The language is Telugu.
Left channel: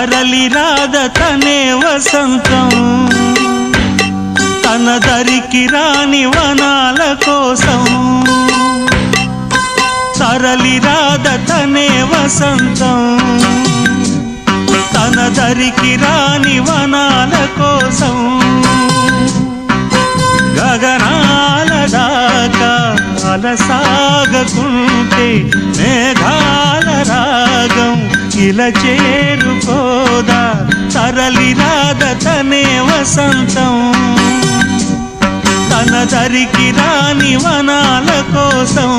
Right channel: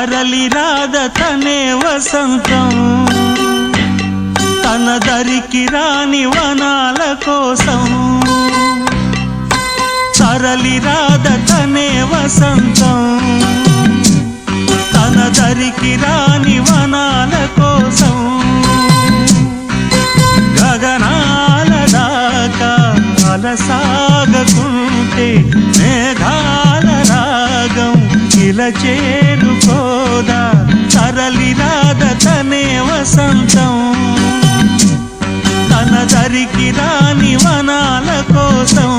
తరలి రాద తనే వసంతం తన దరికి రాని వనాల కోసం తరలి రాద తనే వసంతం తన దరికి రాని వనాల కోసం గగనాల దాకా అలసాగకుంటే మేఘాల రాగం ఇలా చేరుకోదా తరలి రాద తనే వసంతం తన దరికి రాని వనాల కోసం